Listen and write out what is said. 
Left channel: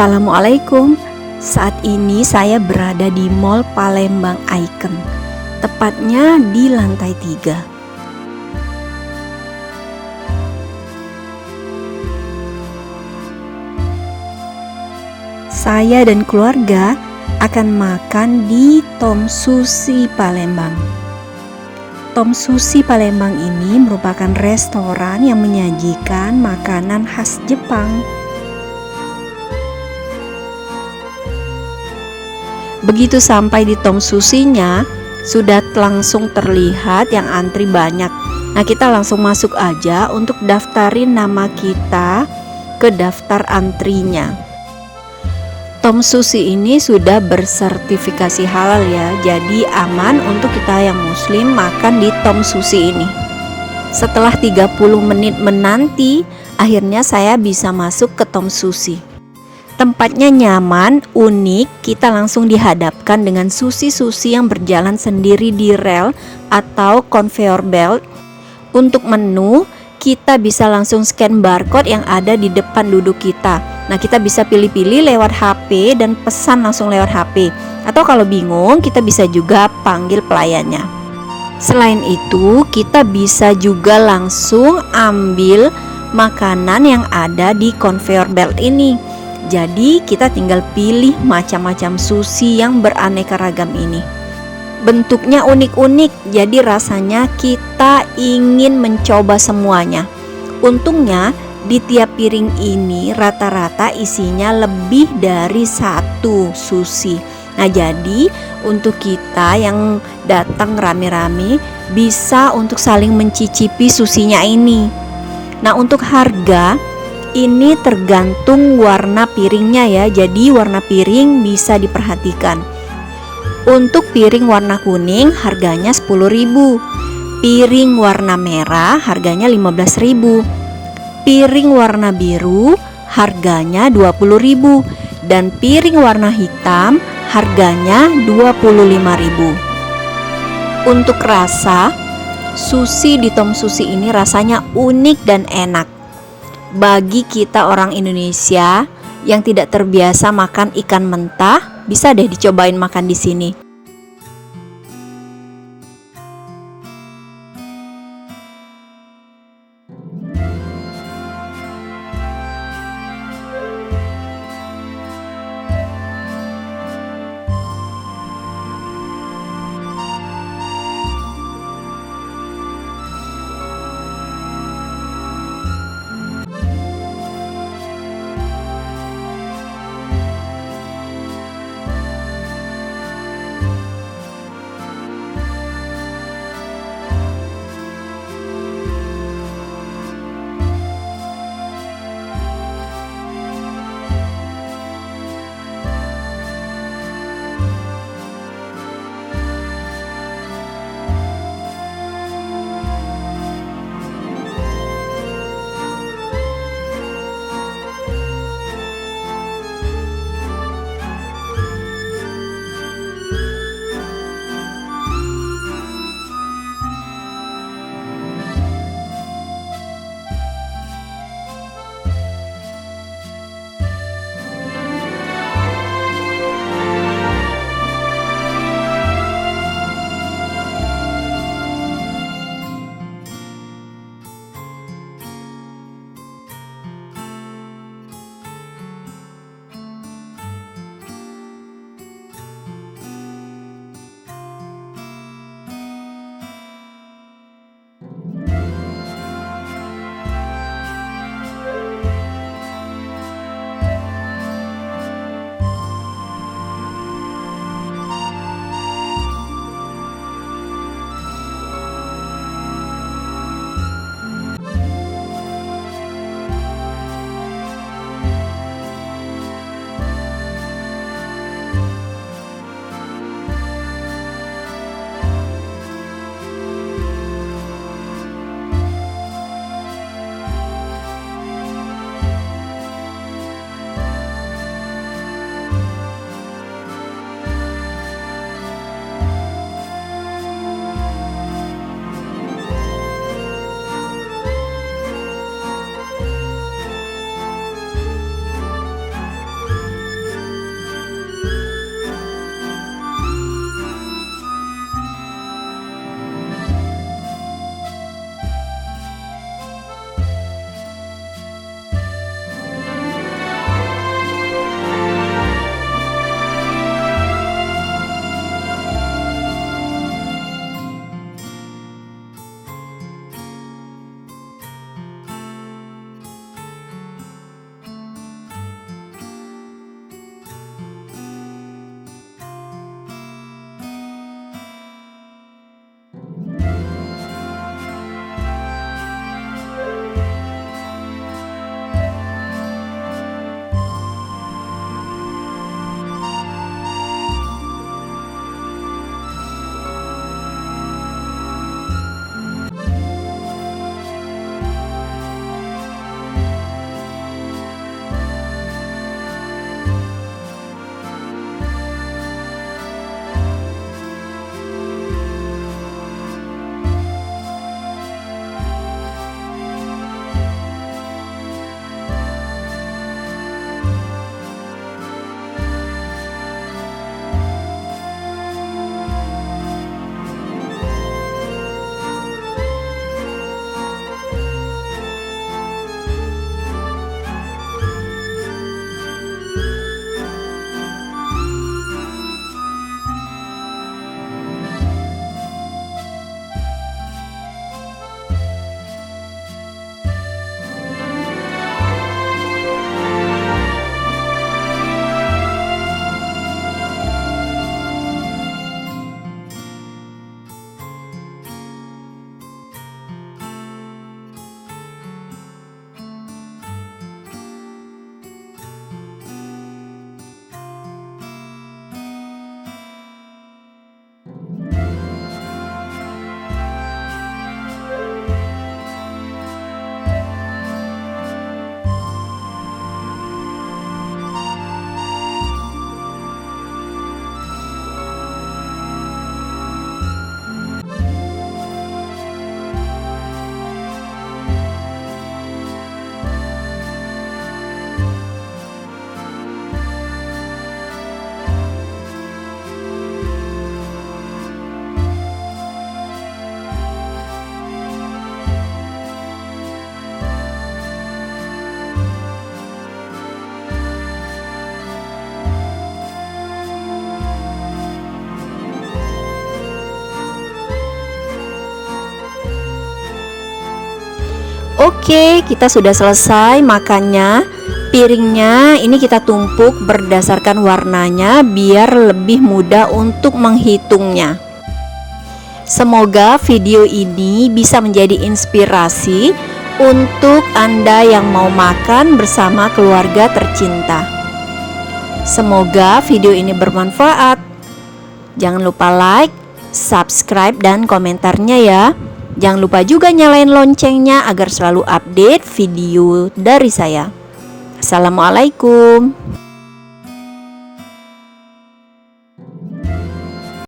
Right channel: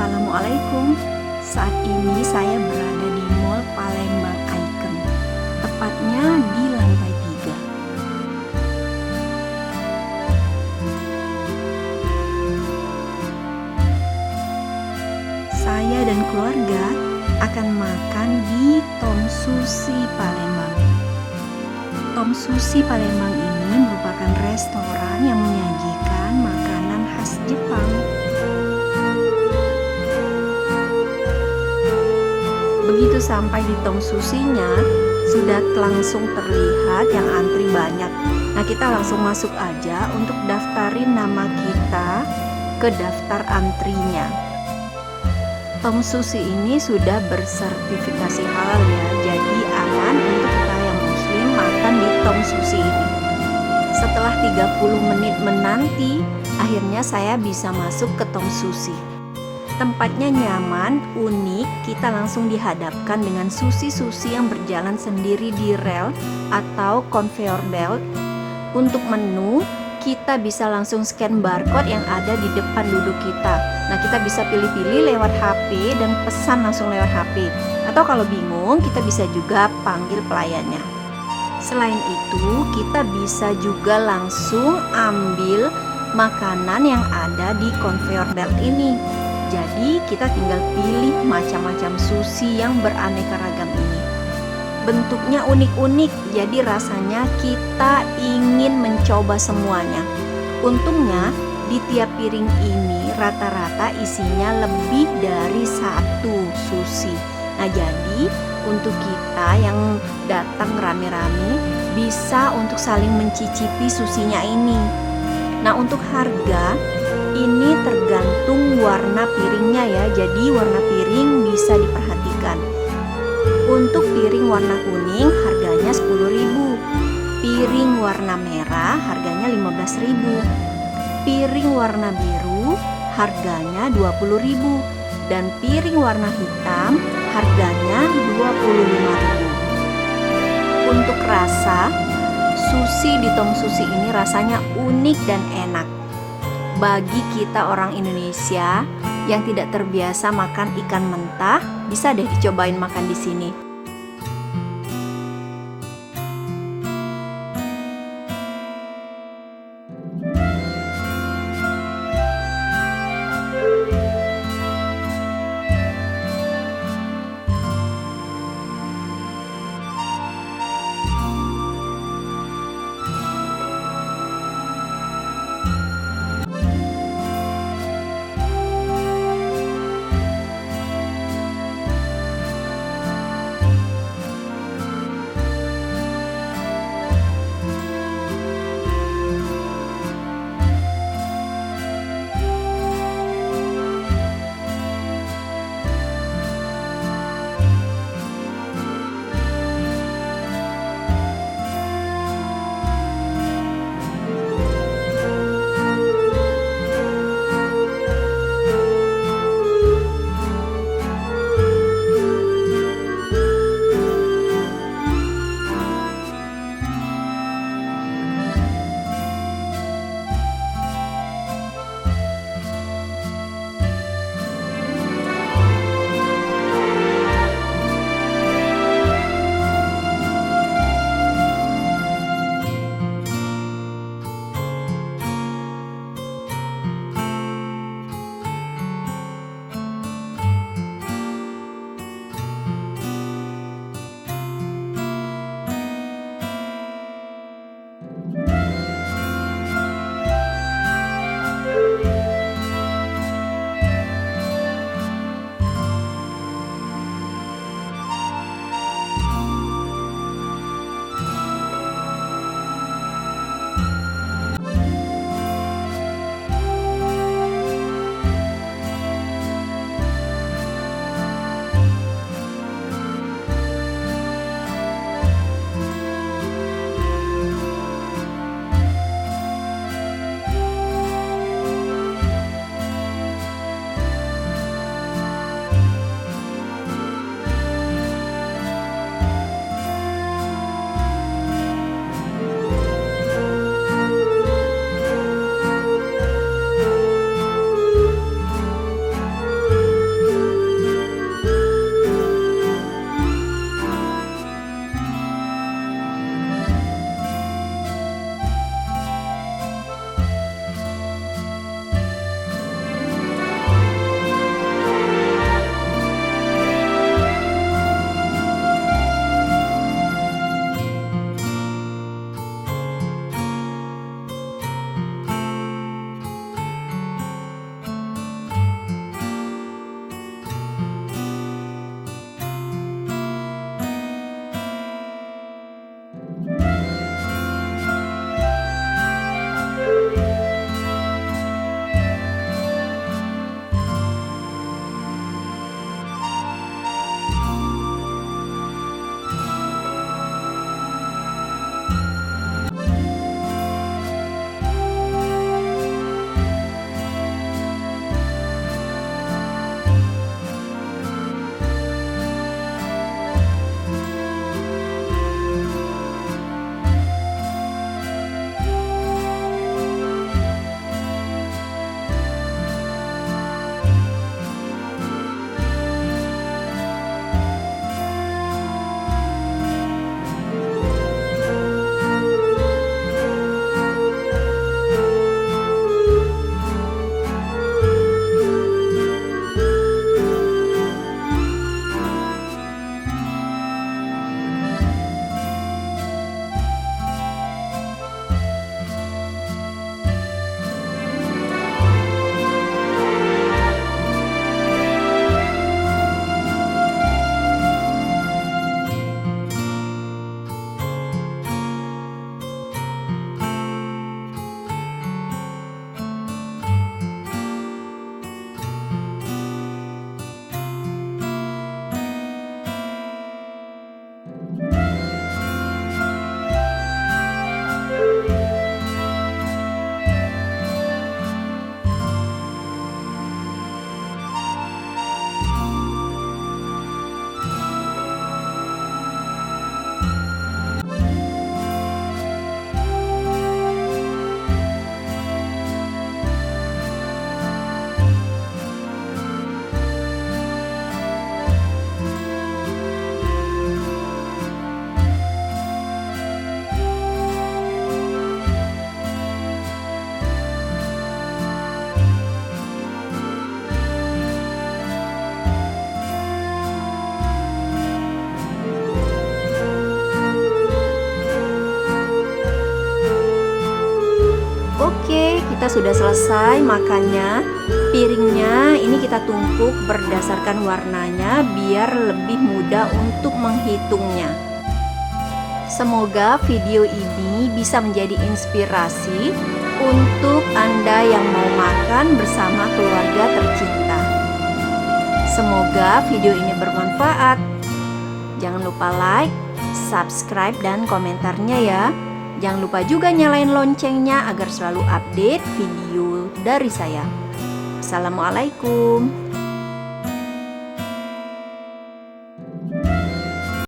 Assalamualaikum. Saat ini saya berada di Mall Palembang Icon, tepatnya di lantai 3. Saya dan keluarga akan makan di Tomsushi Palembang. Tomsushi Palembang ini merupakan restoran yang menyajikan makanan khas Jepang. Begitu sampai di tomsushinya, sudah langsung terlihat yang antri banyak. Nah, kita langsung masuk aja untuk daftarin nama kita ke daftar antrinya. Tomsushi ini sudah bersertifikasi halal ya, jadi aman untuk kita yang muslim makan di tomsushi ini. Setelah 30 menit menanti, akhirnya saya bisa masuk ke tomsushi. Tempatnya nyaman, unik, kita langsung dihadapkan dengan sushi-sushi yang berjalan sendiri di rel atau conveyor belt. Untuk menu, kita bisa langsung scan barcode yang ada di depan duduk kita. Nah, kita bisa pilih-pilih lewat HP dan pesan langsung lewat HP. Atau kalau bingung, kita bisa juga panggil pelayannya. Selain itu, kita bisa juga langsung ambil makanan yang ada di conveyor belt ini. Jadi kita tinggal pilih macam-macam sushi yang beraneka ragam ini. Bentuknya unik-unik, jadi rasanya kita ingin mencoba semuanya. Untungnya di tiap piring ini rata-rata isinya lebih dari 1 sushi. Nah, jadi untuk kita yang datang rame-rame bisa untuk saling mencicipi sushinya ini. Nah, untuk harga ini tergantung warna piringnya ya, jadi warna piring bisa diperhatikan. Untuk piring warna kuning harganya 10.000, piring warna merah harganya 15.000, piring warna biru harganya 20.000, dan piring warna hitam harganya 25.000. Untuk rasa, sushi di tomsushi ini rasanya unik dan enak. Bagi kita orang Indonesia yang tidak terbiasa makan ikan mentah, bisa deh dicobain makan di sini. Oke, kita sudah selesai makannya. Piringnya ini kita tumpuk berdasarkan warnanya biar lebih mudah untuk menghitungnya. Semoga video ini bisa menjadi inspirasi untuk Anda yang mau makan bersama keluarga tercinta. Semoga video ini bermanfaat. Jangan lupa like, subscribe, dan komentarnya ya. Jangan lupa juga nyalain loncengnya agar selalu update video dari saya. Assalamualaikum.